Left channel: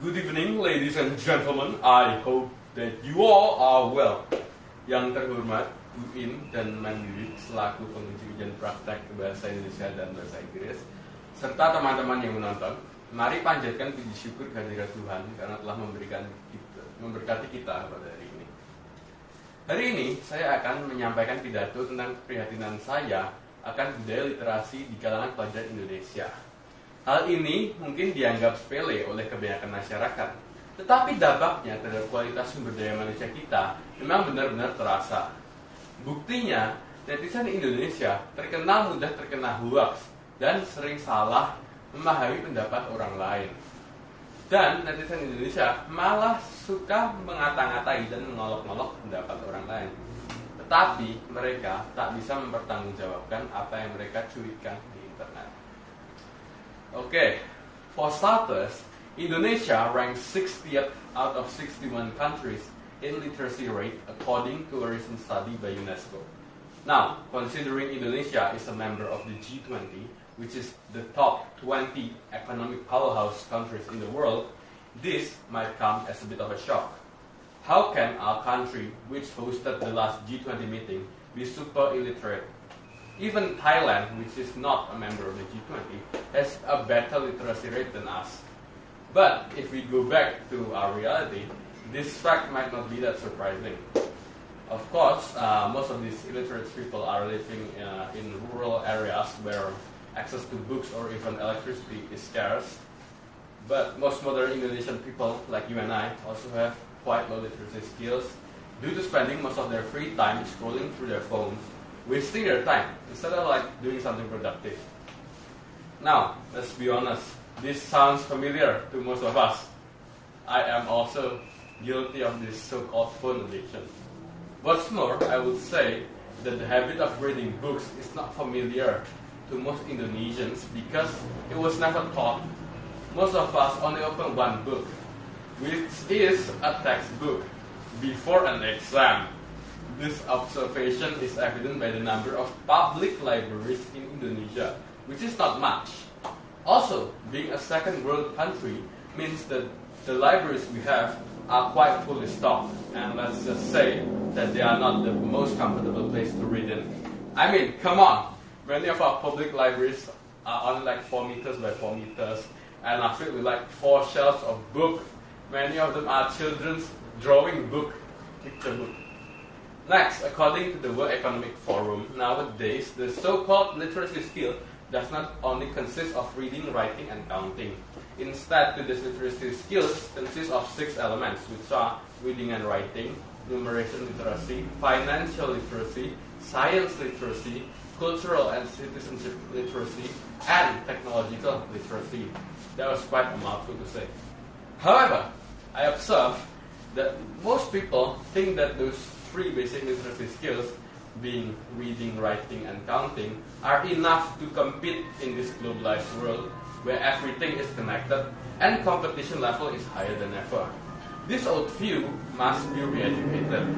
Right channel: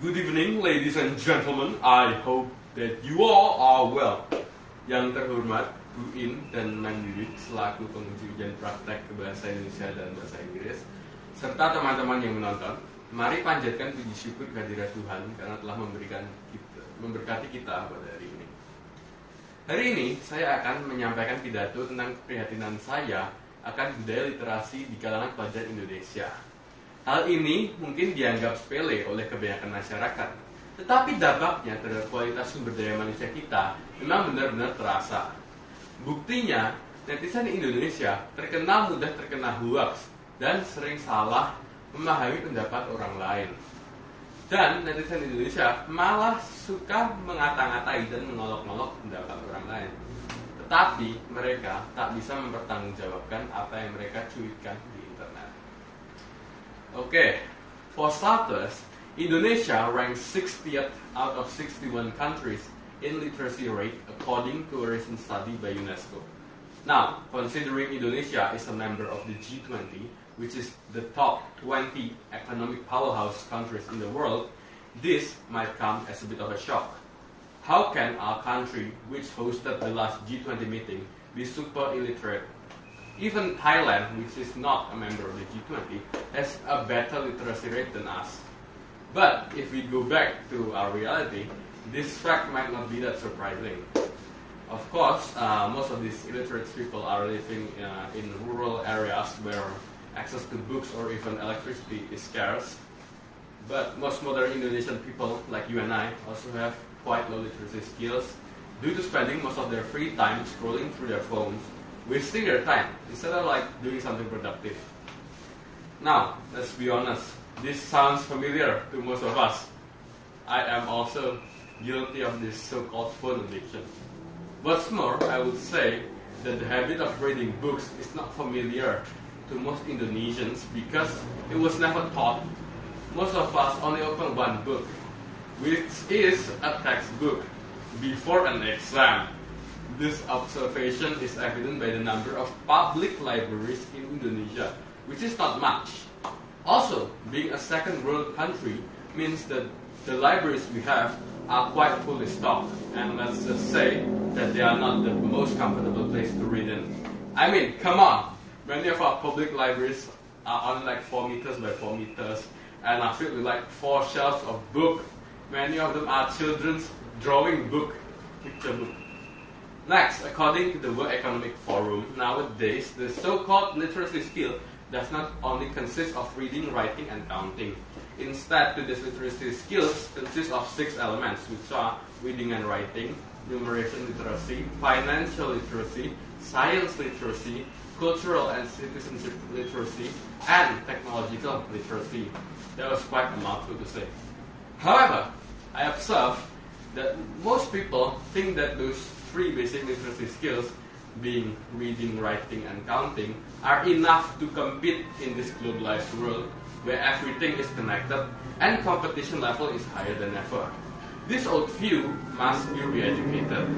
Good evening, ladies and gentlemen. I hope that you all are well. Yang terhormat, Bu In dan Mandiri selaku penguji ujian praktek bahasa Indonesia dan bahasa Inggris, serta teman-teman yang menonton, mari panjatkan puji syukur kehadirat Tuhan karena telah memberkati kita pada hari ini. Hari ini saya akan menyampaikan pidato tentang keprihatinan saya akan budaya literasi di kalangan pelajar Indonesia. Hal ini mungkin dianggap sepele oleh kebanyakan masyarakat, tetapi dampaknya terhadap kualitas sumber daya manusia kita memang benar-benar terasa. Buktinya, netizen Indonesia mudah terkena hoax dan sering salah memahami pendapat orang lain. Dan netizen Indonesia malah suka mengata-ngatai dan mengolok-olok pendapat orang lain. Tetapi mereka tak bisa mempertanggungjawabkan apa yang mereka cuitkan di internet. Okay, for starters, Indonesia ranks 60th out of 61 countries in literacy rate according to a recent study by UNESCO. Now, considering Indonesia is a member of the G20, which is the top 20 economic powerhouse countries in the world, this might come as a bit of a shock. How can our country, which hosted the last G20 meeting, be super illiterate? Even Thailand, which is not a member of the G20, has a better literacy rate than us. But if we go back to our reality, this fact might not be that surprising. Of course, most of these illiterate people are living in rural areas where access to books or even electricity is scarce. But most modern Indonesian people, like you and I, also have quite low literacy skills due to spending most of their free time scrolling through their phones, wasting their time instead of doing something productive. Now, let's be honest, this sounds familiar to most of us. I am also guilty of this so-called phone addiction. What's more, I would say that the habit of reading books is not familiar to most Indonesians because it was never taught. Most of us only open one book, which is a textbook, before an exam. This observation is evident by the number of public libraries in Indonesia, which is not much. Also, being a second world country means that the libraries we have are quite fully stocked, and let's just say that they are not the most comfortable place to read in. I mean, come on! Many of our public libraries are only 4 meters by 4 meters and are filled with 4 shelves of books. Many of them are children's drawing book, picture book. Next, according to the World Economic Forum, nowadays the so-called literacy skill does not only consist of reading, writing, and counting. Instead, today's literacy skills consist of 6 elements, which are reading and writing, numeration literacy, financial literacy, science literacy, cultural and citizenship literacy, and technological literacy. That was quite a mouthful to say. However, I observe that most people think that those 3 basic literacy skills, being reading, writing, and counting, are enough to compete in this globalized world where everything is connected and competition level is higher than ever. This old view must be re-educated.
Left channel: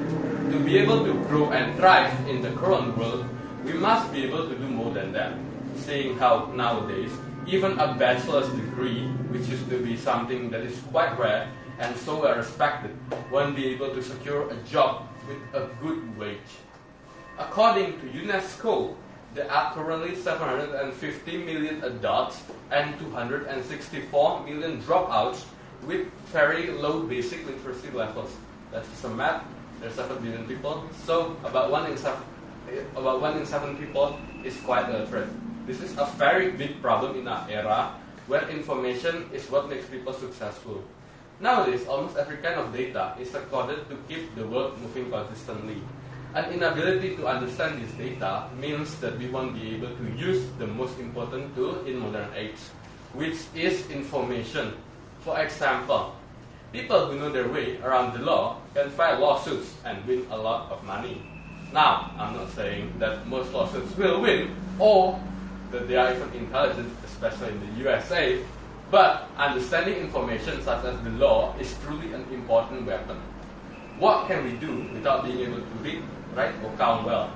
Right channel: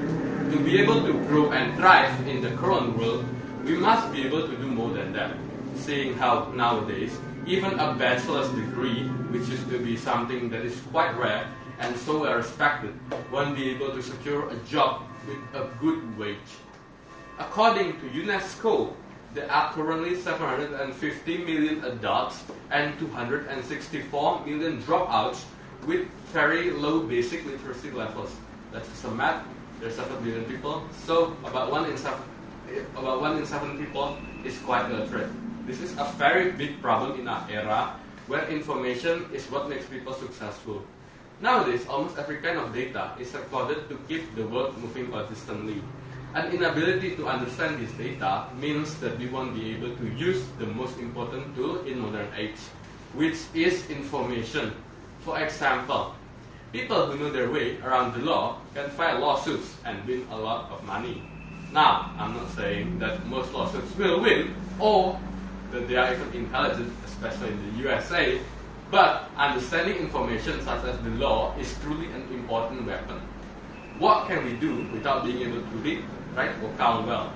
To be able to grow and thrive in the current world, we must be able to do more than that. Seeing how nowadays, even a bachelor's degree, which used to be something that is quite rare and so well respected, won't be able to secure a job with a good wage. According to UNESCO, there are currently 750 million adults and 264 million dropouts with very low basic literacy levels. That's some math. There's 7 billion people, so about 1 in 7 people is quite illiterate. This is a very big problem in our era where information is what makes people successful. Nowadays, almost every kind of data is recorded to keep the world moving consistently. An inability to understand this data means that we won't be able to use the most important tool in modern age, which is information. For example, people who know their way around the law can file lawsuits and win a lot of money. Now, I'm not saying that most lawsuits will win or that they are even intelligent, especially in the USA, but understanding information such as the law is truly an important weapon. What can we do without being able to read, write, or count well?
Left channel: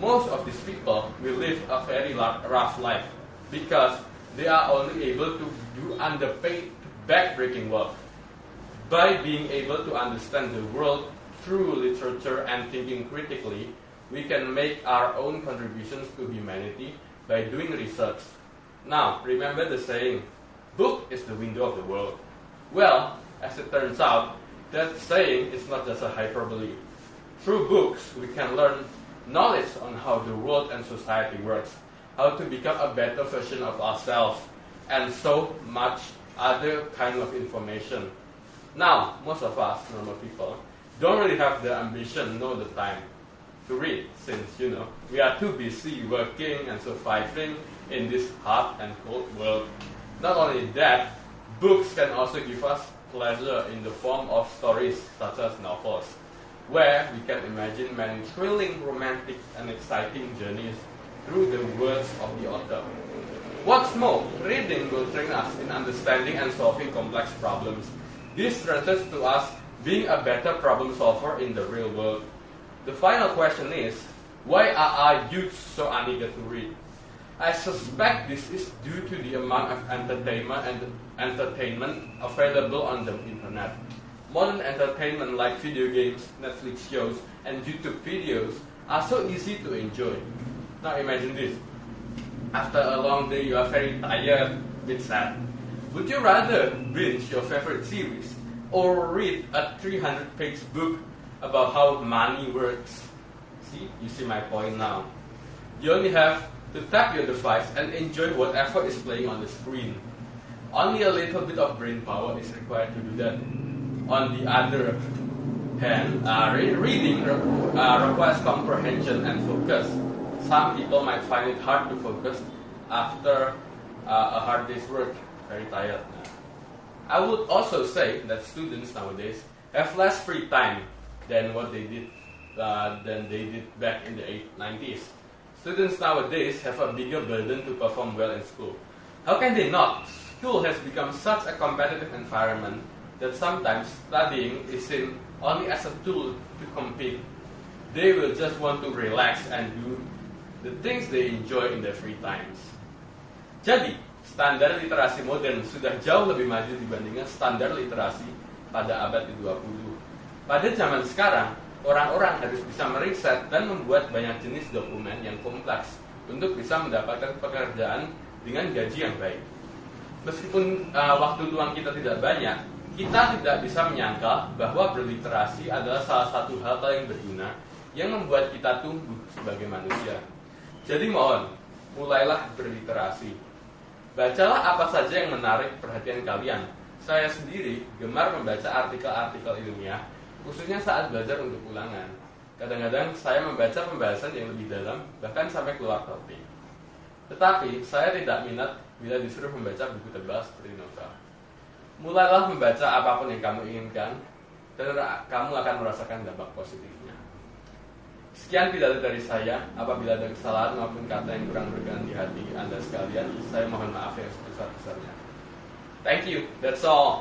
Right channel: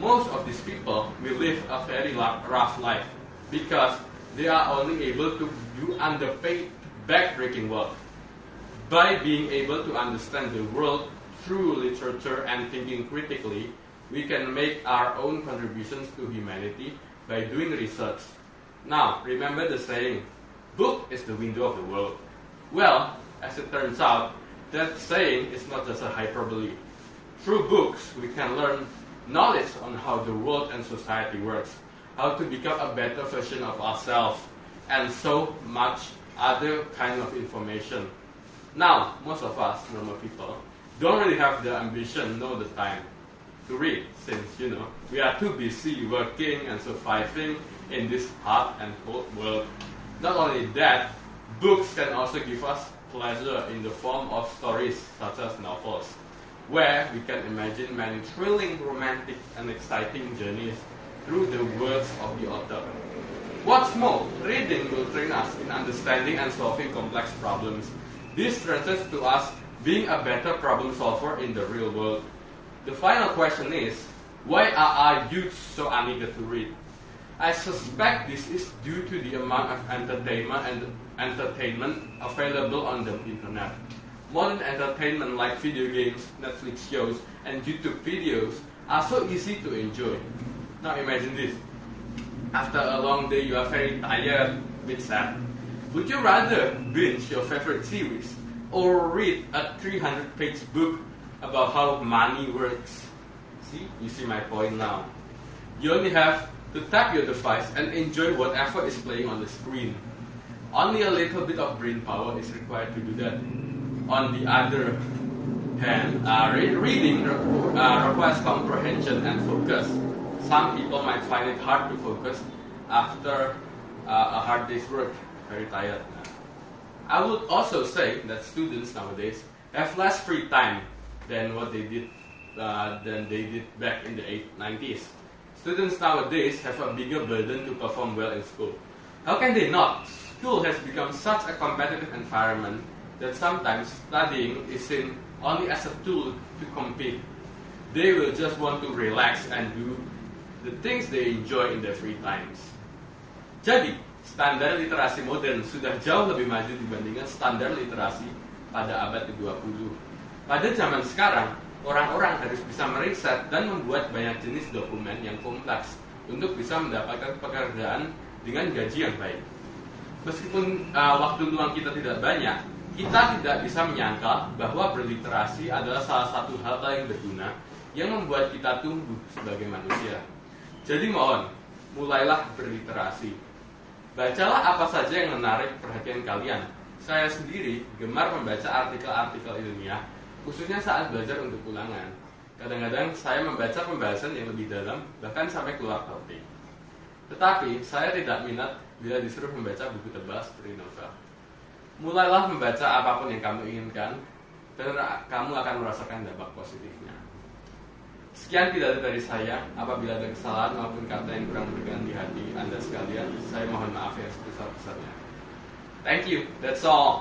Most of these people will live a very rough life because they are only able to do underpaid, back-breaking work. By being able to understand the world through literature and thinking critically, we can make our own contributions to humanity by doing research. Now, remember the saying, book is the window of the world. Well, as it turns out, that saying is not just a hyperbole. Through books, we can learn knowledge on how the world and society works, how to become a better version of ourselves, and so much other kind of information. Now, most of us, normal people, don't really have the ambition nor the time to read, since, we are too busy working and surviving in this hot and cold world. Not only that, books can also give us pleasure in the form of stories such as novels, where we can imagine many thrilling, romantic, and exciting journeys through the words of the author. What's more, reading will train us in understanding and solving complex problems. This translates to us being a better problem solver in the real world. The final question is, why are our youth so uneager to read? I suspect this is due to the amount of entertainment available on the internet. Modern entertainment like video games, Netflix shows, and YouTube videos are so easy to enjoy. Now imagine this. After a long day, you are very tired, bit sad. Would you rather binge your favorite series or read a 300-page book about how money works? See, you see my point now. You only have to tap your device and enjoy whatever is playing on the screen. Only a little bit of brain power is required to do that. On the other hand, reading requires comprehension and focus. Some people might find it hard to focus after a hard day's work, very tired. I would also say that students nowadays have less free time than what they did back in the 90s. Students nowadays have a bigger burden to perform well in school. How can they not? School has become such a competitive environment that sometimes studying is seen only as a tool to compete. They will just want to relax and do the things they enjoy in their free times. Jadi, standar literasi modern sudah jauh lebih maju dibandingkan standar literasi pada abad ke-20. Pada zaman sekarang, orang-orang harus bisa meriset dan membuat banyak jenis dokumen yang kompleks untuk bisa mendapatkan pekerjaan dengan gaji yang baik. Meskipun waktu luang kita tidak banyak, kita tidak bisa menyangka bahwa berliterasi adalah salah satu hal paling berguna yang membuat kita tumbuh sebagai manusia. Jadi mohon, mulailah berliterasi. Bacalah apa saja yang menarik perhatian kalian. Saya sendiri gemar membaca artikel-artikel ilmiah, khususnya saat belajar untuk ulangan. Kadang-kadang saya membaca pembahasan yang lebih dalam, bahkan sampai keluar topik. Tetapi saya tidak minat bila disuruh membaca buku tebal seperti novel. Mulailah membaca apapun yang kamu inginkan, dan kamu akan merasakan dampak positifnya. Sekian pidato dari saya. Apabila ada kesalahan maupun kata yang kurang berkenan di hati Anda sekalian, saya mohon maaf yang sebesar-besarnya. Thank you, that's all.